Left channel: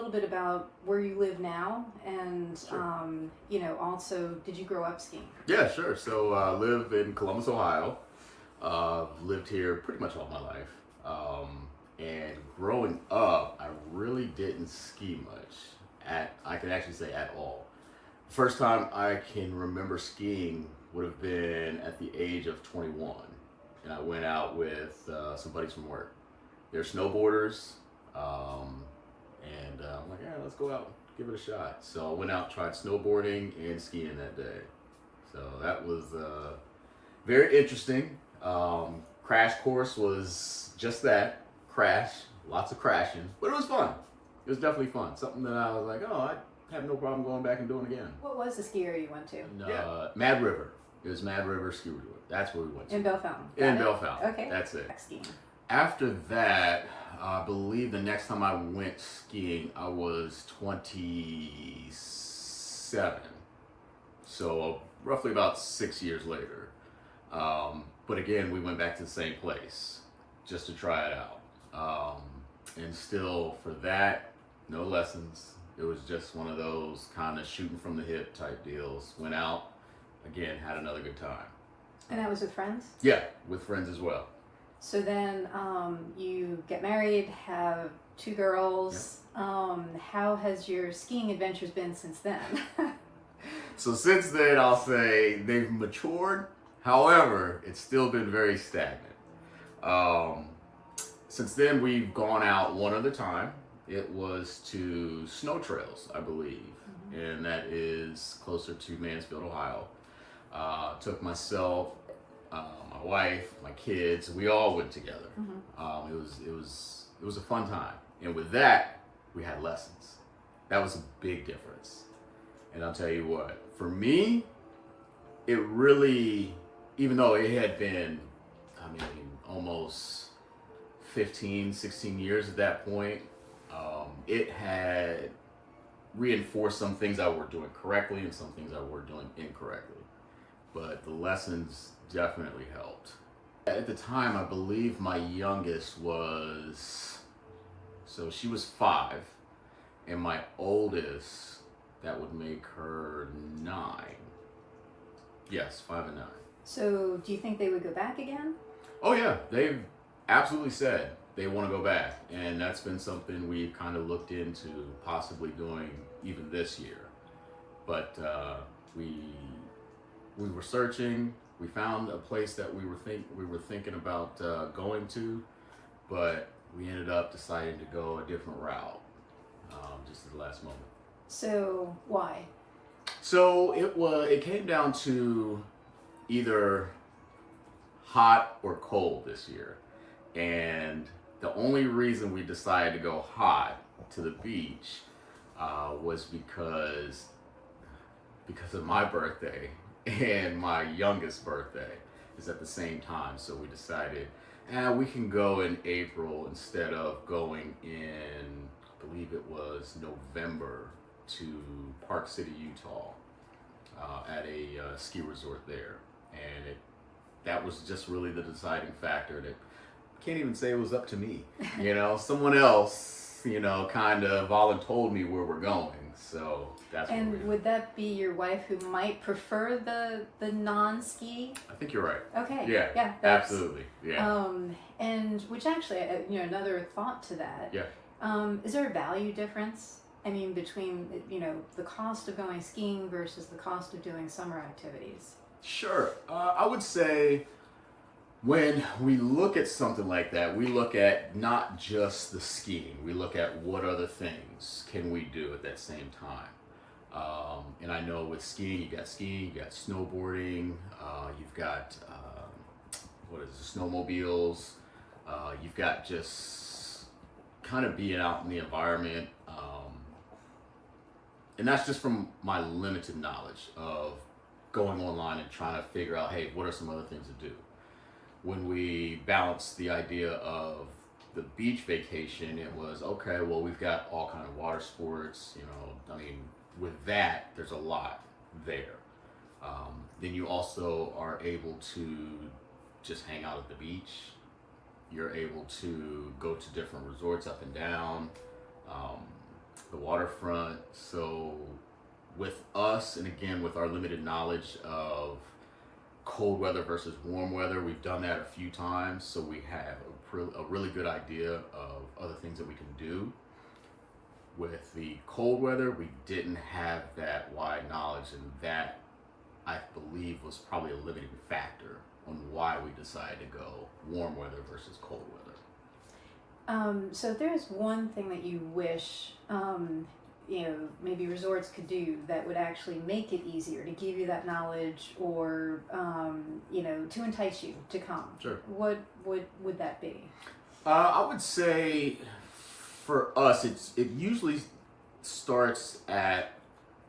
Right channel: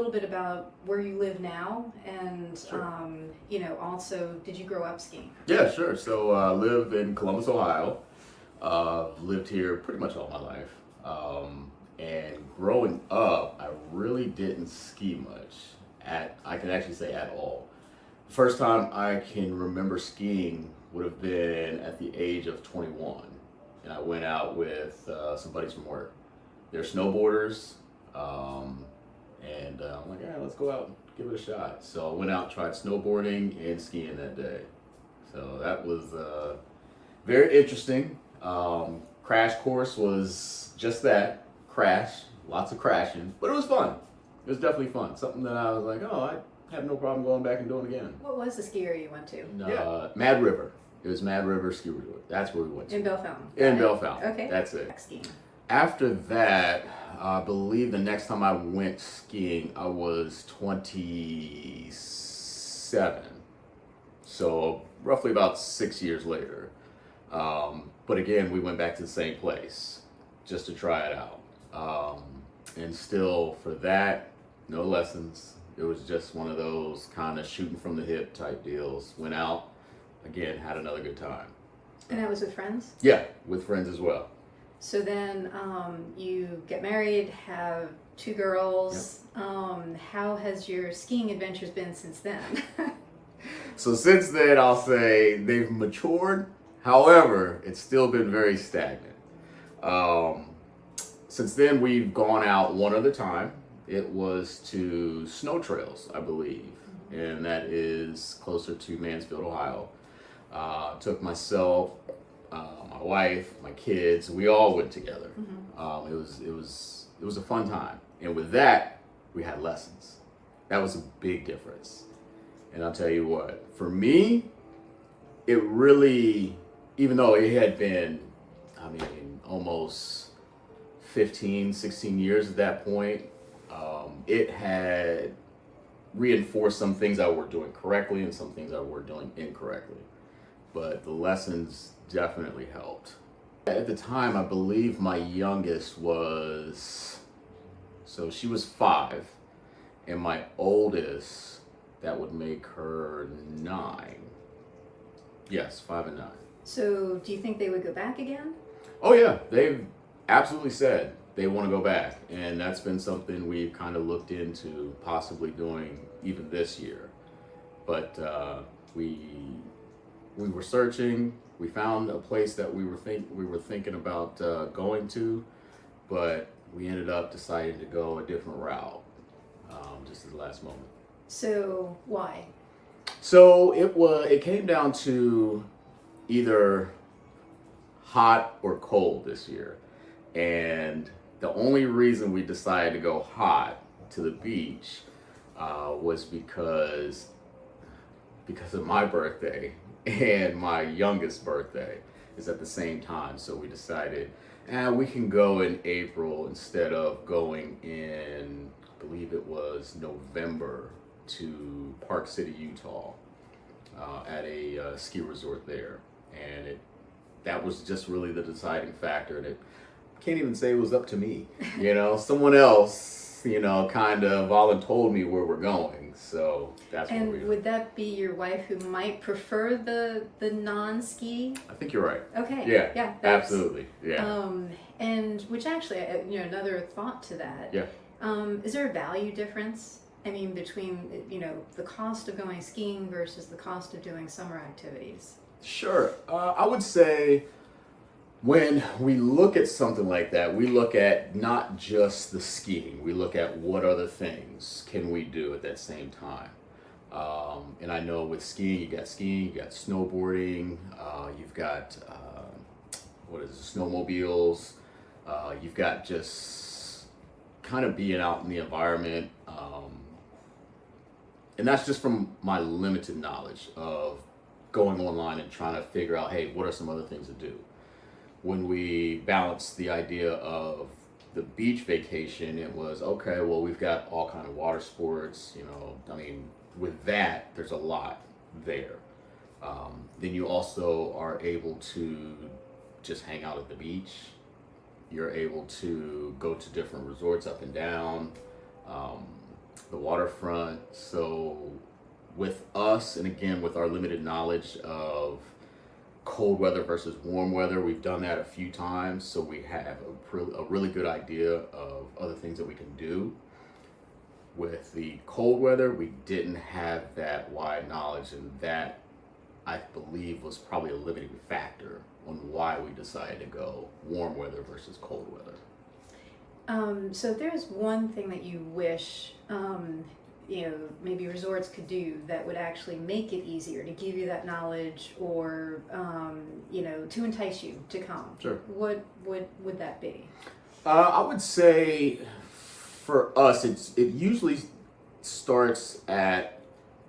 little bit about where you live now, and Sure. also, did you grow up skiing? Yeah, sure. So I live in Columbus, Ohio. Lived here pretty much all my life. And growing up, I really didn't ski much. I can actually say at all. First time I can remember skiing would have been at the age of 21, and I went out with some buddies from work. They're snowboarders, and I'm like, yeah, let's go out and give it a shot. So I went out, and tried snowboarding and skiing that day. So that was very interesting. Crash course was just that, crash, lots of crashing, but it was fun. It was definitely fun. Something that I was like, oh, I have no problem going back and doing again. What was the ski area you went to? Mad River. It was Mad River Ski Resort. That's where we went to. In Bellefontaine. In Bellefontaine. Okay. That's it. Skiing. After that, I believe the next time I went skiing, I was 27. So roughly about 6 years later. But again, we went back to the same place just to try it out. And still, for that, no lessons. It was just one of those kind of shooting from the hip type deals. Went out, again, had another good time. And that was with friends? Yeah, with friends as well. So then you get married, have two girls. Yep. How has your skiing adventures been since then? So since then, I'll say they've matured. However, it's still been very stagnant. Since then, we've gone out one other time. It was to Snow Trails, I believe, and that is closer to Mansfield, Ohio. Took myself, my wife, my kids. We all went together. It was a fun time, and with that, we had lessons. That was a big difference. And I'll tell you what, for me, it really, even though it had been, almost 15, 16 years at that point, it had reinforced some things I were doing correctly and some things I were doing incorrectly. But the lessons definitely helped. At the time, I believe my youngest she was 5, and my oldest, that would make her 9. Yes, 5 and 9. So do you think they would go back again? Oh yeah, they've absolutely said they want to go back, and that's been something we've kind of looked into possibly doing even this year. But we were searching. We found a place that we were thinking about going to, but we ended up deciding to go a different route just at the last moment. So why? So it came down to either hot or cold this year. And the only reason we decided to go hot to the beach was because of my birthday and my youngest birthday is at the same time. So we decided, we can go in April instead of going in, I believe it was November, to Park City, Utah, at a ski resort there. And that was just really the deciding factor. And I can't even say it was up to me. Someone else, kind of voluntold me where we're going. So that's what we're doing. And would that be your wife who might prefer the non-ski? I think you're right. Okay. Yeah. Absolutely. Yeah. And which actually, another thought to that. Yeah. Is there a value difference? Between, the cost of going skiing versus the cost of doing summer activities? Sure. I would say when we look at something like that, we look at not just the skiing. We look at what other things can we do at that same time. And I know with skiing, you got snowboarding, you've got, snowmobiles, you've got just kind of being out in the environment. And that's just from my limited knowledge of going online and trying to figure out, hey, what are some other things to do? When we balanced the idea of the beach vacation, it was, okay, well, we've got all kind of water sports, with that, there's a lot there. Then you also are able to just hang out at the beach. You're able to go to different resorts up and down. the waterfront. So with us, and again, with our limited knowledge of cold weather versus warm weather, we've done that a few times. So we have a really good idea of other things that we can do. With the cold weather, we didn't have that wide knowledge, and that, I believe, was probably a limiting factor on why we decided to go warm weather versus cold weather. So if there's one thing that you wish, maybe resorts could do that would actually make it easier to give you that knowledge, or, to entice you to come. Sure. What would that be? I would say for us, it usually starts at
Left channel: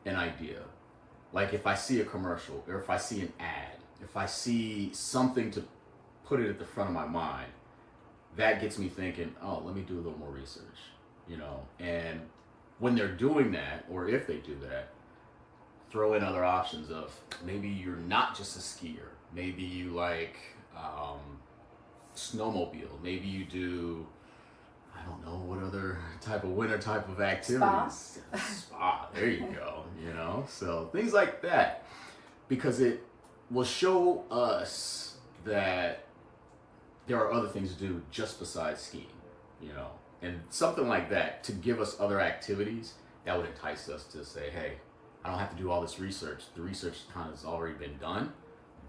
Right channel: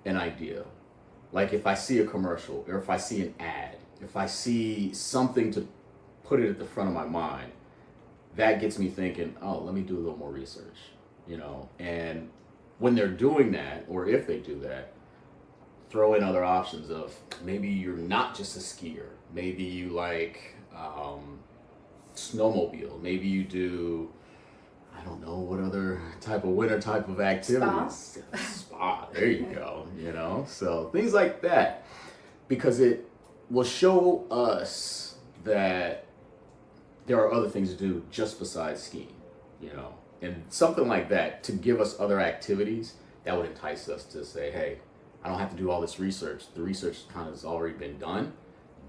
an idea. Like if I see a commercial, or if I see an ad, if I see something to put it at the front of my mind, that gets me thinking, oh, let me do a little more research, and when they're doing that, or if they do that, throw in other options of maybe you're not just a skier, maybe you like snowmobile, maybe you do, I don't know, what other type of winter type of activities. Spa, there you go, so things like that, because it will show us that there are other things to do just besides skiing, and something like that to give us other activities that would entice us to say, hey, I don't have to do all this research. The research kind of has already been done.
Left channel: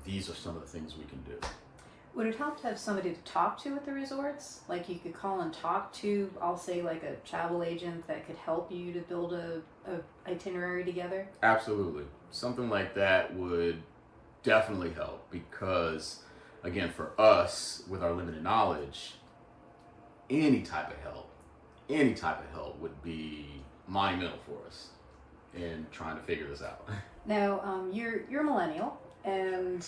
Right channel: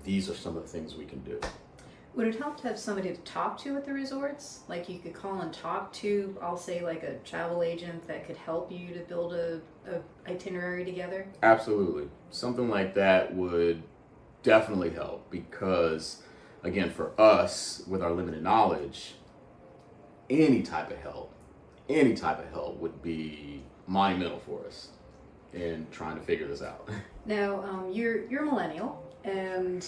These are some of the things we can do. Would it help to have somebody to talk to at the resorts? Like you could call and talk to, I'll say, like a travel agent that could help you to build a itinerary together? Absolutely. Something like that would definitely help, because again, for us, with our limited knowledge, any type of help would be monumental for us in trying to figure this out. Now, you're a millennial, and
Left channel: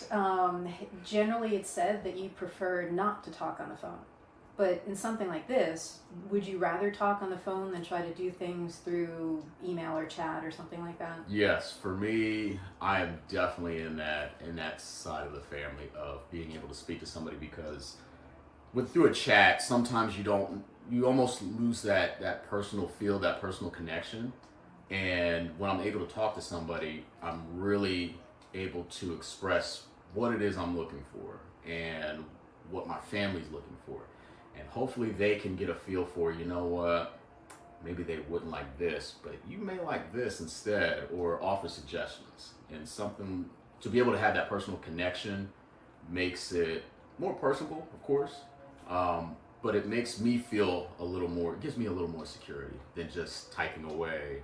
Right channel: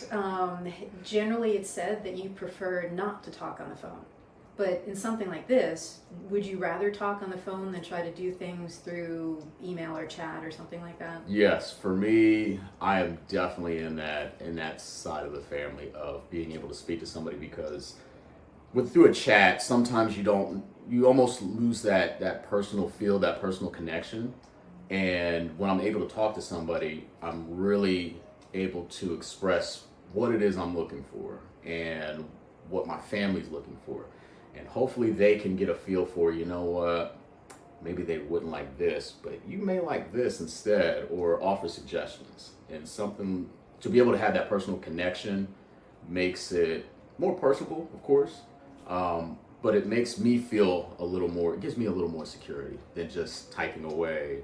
generally it's said that you prefer not to talk on the phone. But in something like this, would you rather talk on the phone than try to do things through email or chat or something like that? Yes, for me, I am definitely in that side of the family of being able to speak to somebody, because through a chat, sometimes you almost lose that personal feel, that personal connection. And when I'm able to talk to somebody, I'm really able to express what it is I'm looking for and what my family's looking for. And hopefully they can get a feel for, what, maybe they wouldn't like this, but you may like this instead, or offer suggestions. And something to be able to have that personal connection makes it more personable, of course, but it makes me feel it gives me a little more security than just typing away.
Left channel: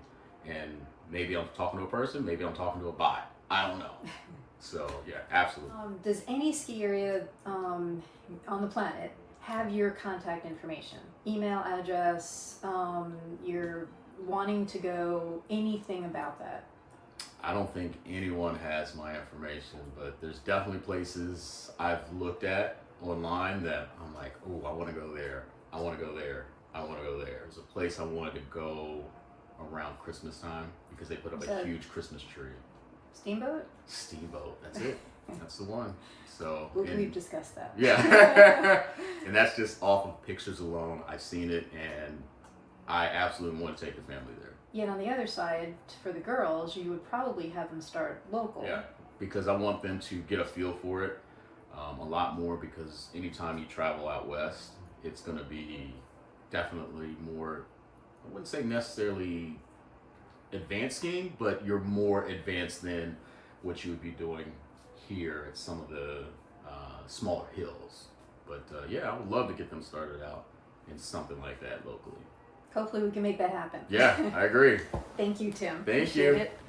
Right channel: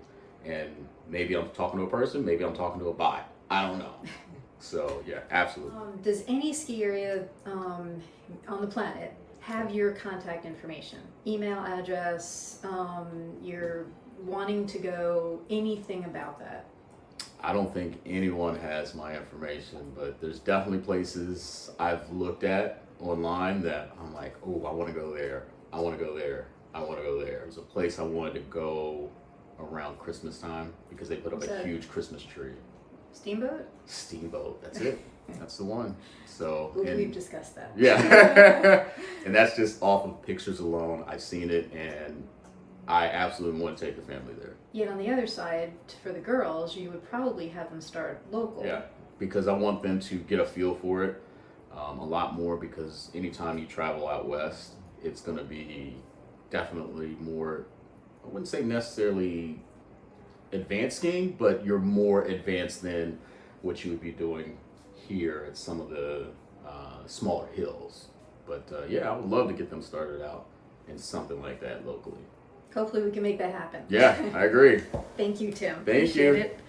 And maybe I'm talking to a person, maybe I'm talking to a bot. I don't know. So yeah, absolutely. Does any ski area on the planet have your contact information, email address, you're wanting to go, anything about that? I don't think anyone has my information, but there's definitely places I've looked at online that I'm like, oh, I want to go there. I want to go there. I want to go there. There's a place I wanted to go around Christmas time because they put up a huge Christmas tree. Steamboat, that's it. That's the one. So we've discussed that. Yeah. And that's just off of pictures alone. I've seen it, and I absolutely want to take the family there. Yet on the other side, for the girls, you would probably have them start local. Yeah, because I want them to get a feel for it a lot more, because anytime you travel out west, it's going to be definitely more, I wouldn't say necessarily advanced skiing, but you're more advanced than what you would be doing here at some of the smaller hills. But yeah, I would love to get them started out in something like that locally. Hopefully we can make that happen. Yeah, I agree. Thank you, Tim. Thank you. Appreciate it.